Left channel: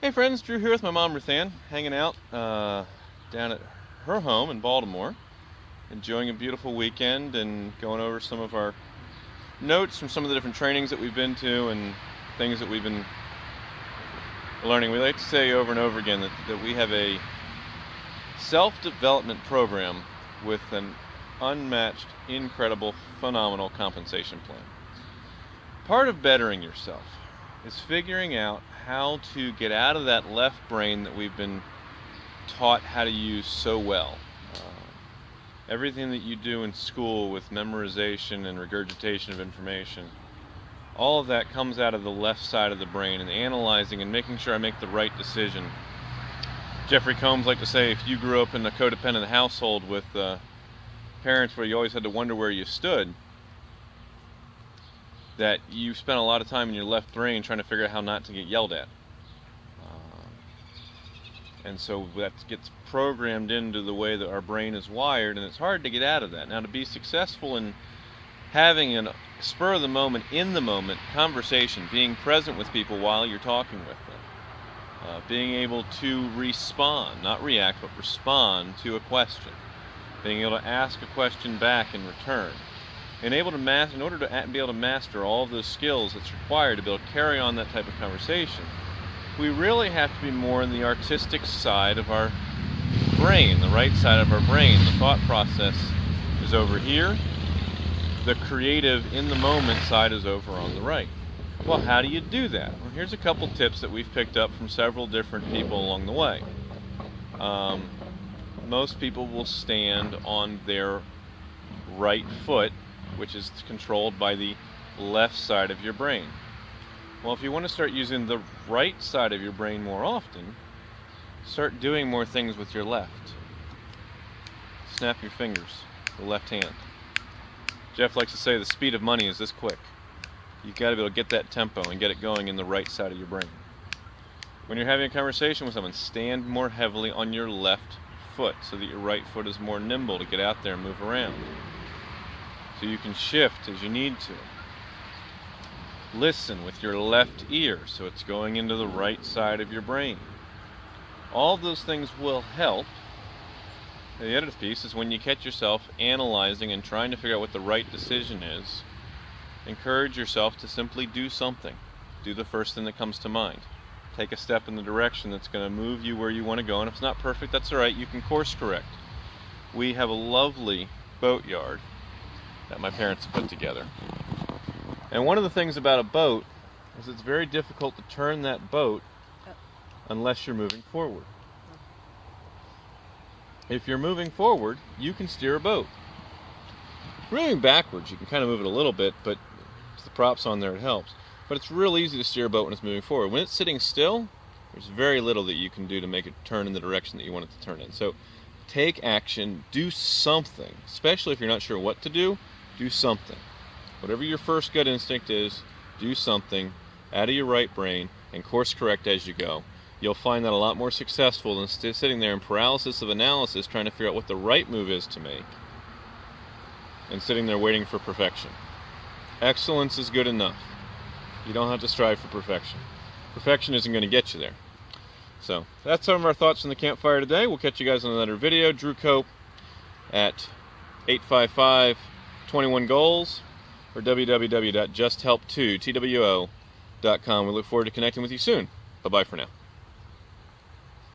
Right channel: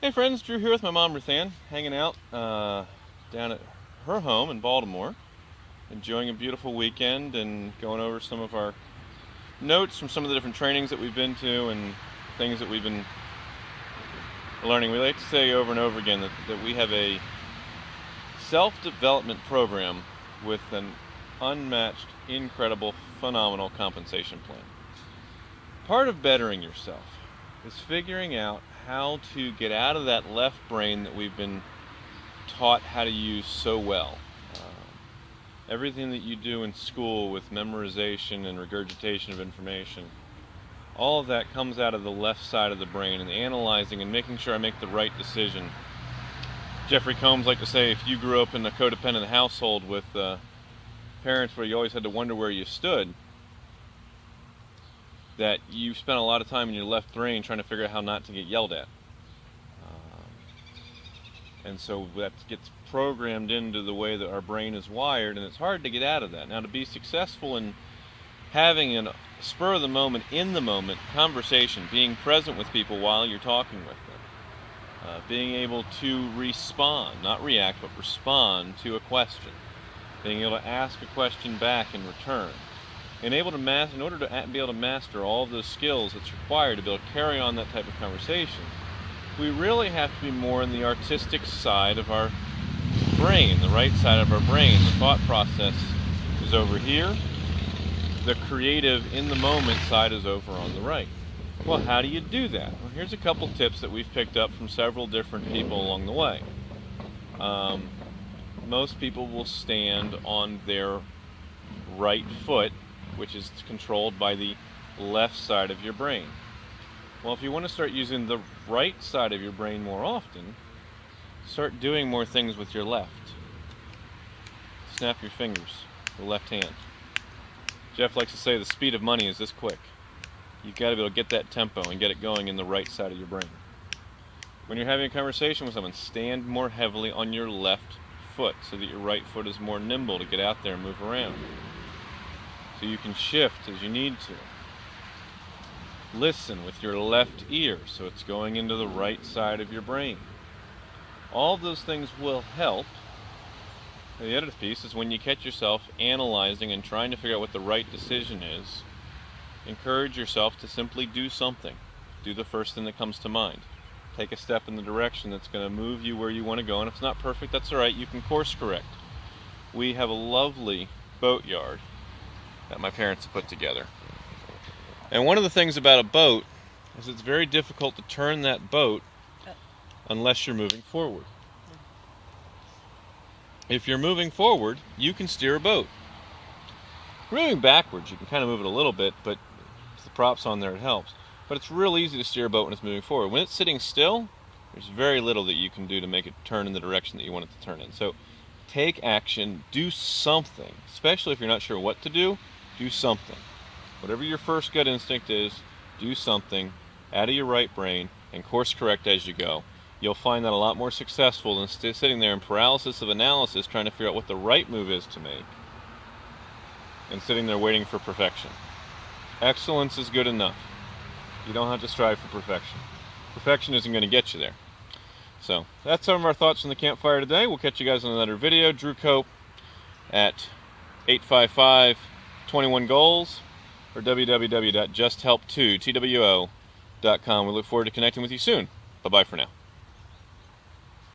Hey friends, Drew here with my mom Ruth Ann, hanging out down at her home in Baltimore, enjoying a beautiful weekend and going over some of our notes from some of the different trainings that we've been to and things that we've been learning. We like to say over and over again that we have a self-development program with an unmatched, incredible, phenomenal compensation plan. Part of bettering yourself is figuring out how to get out of that left brain that we've been taught how to use so well. Everything that you do in school with memorization and regurgitation of information, all of that comes out of the left side of the brain, and analyzing and making sure I make the right decision. Jeffrey Combs liked to say, if you grew up in a codependent household with parents where you always had to wonder where you stood, that you spent a lot of time in your left brain trying to figure out how not to get yelled at. And so that gets programmed into the way that our brain is wired, and it's hard to get out of that. Now, to be successful in having a spur of the moment, in the moment conversation, being present with people while you're talking with them, being able to respond, not react, but respond to a question, being able to ask a question back in return, and able to in order to be able to master all of those skills that's required to be able to carry on that type of conversation, we really have to be more in the artistic side of our brain, the right side of our brain. The thought process is over here. The creative, in the moment side is over on the right. Well, how do you do that? Well, here's a couple tips that we've picked up from several different people along the way. Most people will stand on their right foot, which is controlled by the left side of your brain. Well, if you want to start using the right side of your brain more often, start doing more things with your left. Snap your fingers, the left hand. Jeff likes to say the speed of money is this quick. You've got to be able to get that tempo and get it going in the right side of your brain. When you're having a conversation with someone, stand more heavily on your left foot so that your right foot is more nimble to get out there and move around. So you can shift as you need to. Listen with your left ear so it's going into the right side of your brain. All of those things will help. And the other piece is when you catch yourself analyzing and trying to figure out what the right decision is, encourage yourself to simply do something. Do the first thing that comes to mind. Take a step in the direction that's going to move you where you want to go, and if it's not perfect, that's all right. You can course correct. We have a lovely boatyard that my parents put together. And one of the things about a boat is it's very difficult to turn that boat unless you're moving forward. If you're moving forward, you can steer a boat. Moving backwards, you can kind of move it a little bit, but if the prop's on there, it helps. But it's real easy to steer a boat when it's moving forward. When it's sitting still, there's very little that you can do to make it turn in the direction that you want it to turn in. So take action, do something, especially if you're not sure what to do something. Whatever your first gut instinct is, do something out of your right brain and course correct as you go. You'll find that a lot more successful than sitting there in paralysis of analysis trying to figure out what the right move is to make and sitting there waiting for perfection. Excellence is good enough. You don't have to strive for perfection. Perfection isn't going to get you there. So that's some of our thoughts from the campfire today. We'll catch you guys on another video. Drew Cope at 855-21-GOALS or www.justhelp2.com. We look forward to connecting with you soon. Bye-bye for now.